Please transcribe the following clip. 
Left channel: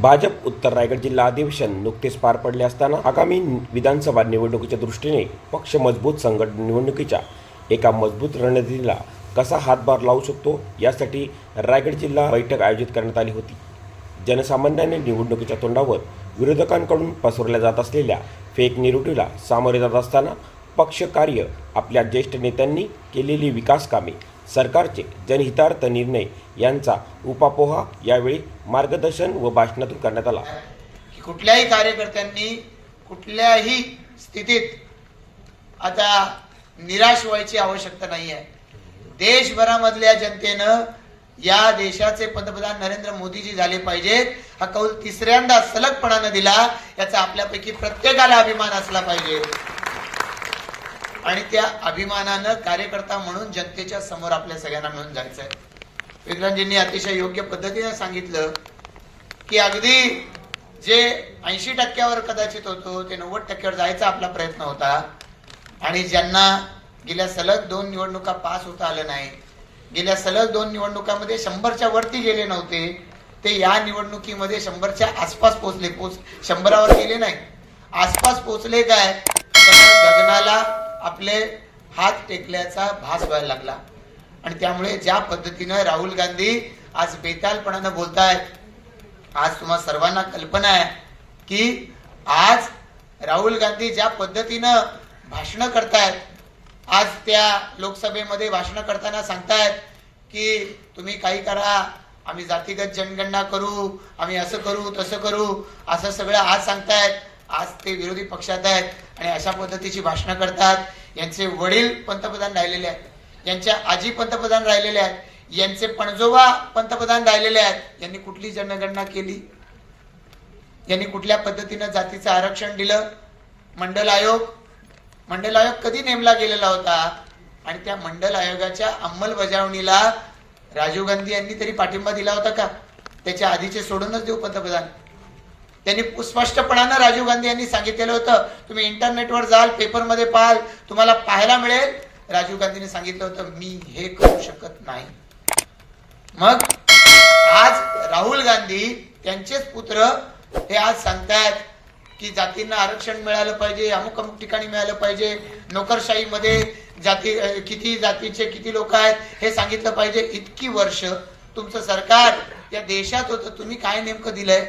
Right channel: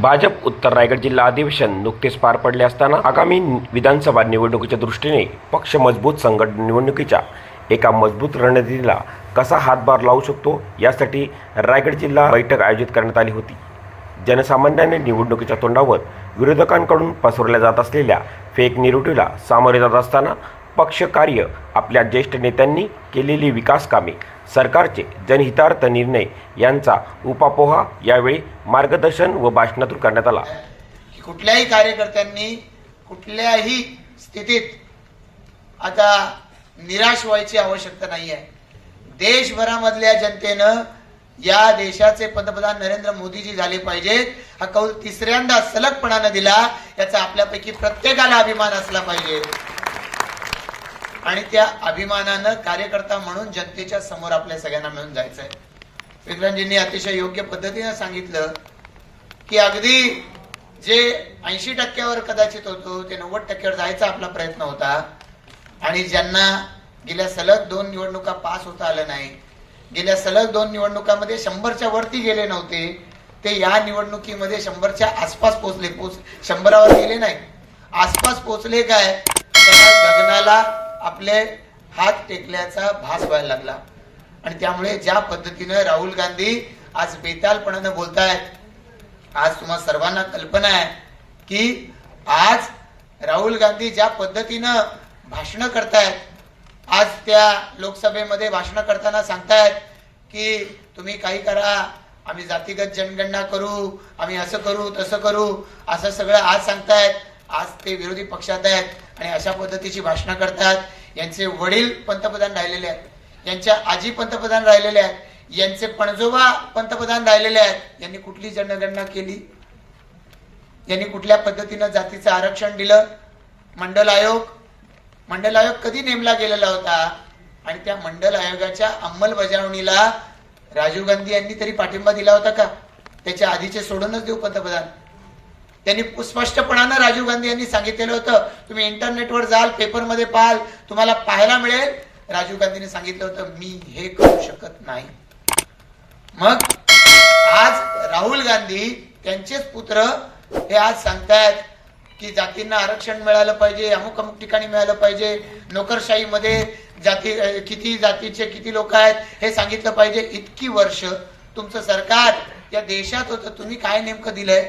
भाजप उत्तर रायगड जिल्हा अधिवेशन नुकतेच पार पडले असताना आगामी विधानसभा निवडणुकीच्या दृष्टीने पक्ष मजबूत संघट निवडणुकीच्या एका मजबूत रणनीतीला कसा हातभार लावू शकतो यासाठी रायगड जिल्हा बैठक आयोजित करण्यात आली होती. जनसामान्याने निवडणुकीच्या तोंडावर विरोधकांकडून पसरवल्या जात असलेल्या फेक निरुटीला सामोरे जात असताना पक्ष कार्य आपल्या ज्येष्ठ नेत्यांनी केलेली विकास कामे सरकारचे जनहितार्थ निर्णय यांचा उपापोहा यावेळी मार्गदर्शन व भाषणातून करण्यात आला. कुठल्याही कार्यकर्त्यांनी कुठल्याही स्थितीत आता निराश व्हायची आवश्यकता नाही आहे. देशभरामधल्या जनतेनं या देशाचे पंतप्रधान नरेंद्र मोदीजी झाले पाहिजेत. हा कौल तिसऱ्यांदा सलगपणानं दिला याचा आपल्यापैकी प्रत्येकाला अभिमान असला पाहिजे. आणि त्या अभिमानानं कार्यकर्ता म्हणून जनतेच्या समोर आपल्या सगळ्यांना मिळून जायचंय. विक्रांतजींनी अतिशय योग्य पद्धतीनं सांगितलं की अगदी जे ऐंशी टक्क्यावर कदाचित होतो ते नव्वद टक्क्यावर जायचा आपला प्रयत्न होता. आणि ज्यांना गेल्या सलग दोन निवडणुका पास होता आलं नाही गेल्या सलग दोन निवडणुकामध्ये शंभरच्या वरती गेले नव्हते ते या निवडणुकीमध्ये शंभरच्या आसपास पोहोचले पोच शंभरावर गेले नाही. आसपास पोहोचले काय? गगनाला आपले हात टेकल्याचा भास व्हायला लागला. आणि त्यामुळे ज्या पद्धतीनं राहुल गांधी आज बेतालपणानं बोलतायत आज तुम्हा सर्वांना कल्पना आहे की आज राहुल गांधी ज्या पद्धतीनं भाषणं करतायत आज त्या लोकसभेमध्ये भाषणं करताना सांगतायत की तुम्ही काही करा आम्ही जातीगत जनगणना करू आम्ही असं करू तसं करू असं सगळं आज सांगतायत. आज ते विरोधी पक्षात आहेत आणि अशा पद्धतीची भाषणं करतात. यांचे वडील पंतप्रधान राहिलेले आहेत. यांच्या आजी पंतप्रधान राहिलेले आहेत. यांचे पणजोबा पंतप्रधान राहिलेले आहेत. यांनी कुठली जनगणना केली? यांनी कुठल्या पद्धतीनं जातीचं आरक्षण दिलं? मंडल आयोग? मंडल आयोग कधी नेमला गेलेला होता? आणि त्या मंडल आयोगाच्या अंमलबजावणीला राजीव गांधी यांनी तरी पाठिंबा दिला होता का? त्याच्या आधीचे सोडूनच देऊ पंतप्रधान. त्यांनी स्पष्टपणानं राजीव गांधी यांनी सांगितलेलं होतं तुम्ही इंटरनेटवर जाल पेपरमध्ये पाहाल तुम्हाला पाहायला मिळेल. राजीव गांधींनी सांगितलं होतं मी हे करू शकत नाही. मग आज राहुल गांधी त्यांचेच पुत्र हे आज सांगतायत की जातींना आरक्षण मिळालं पाहिजे अमुक अमुक ठिकाणी मिळालं पाहिजे नोकरशाहीमध्ये जाती किती जातीचे किती लोक आहेत हे सांगितलं पाहिजे. इतकी वर्ष तुमचं सरकार या देशात होतं तुम्ही काय नेमकं दिलंय?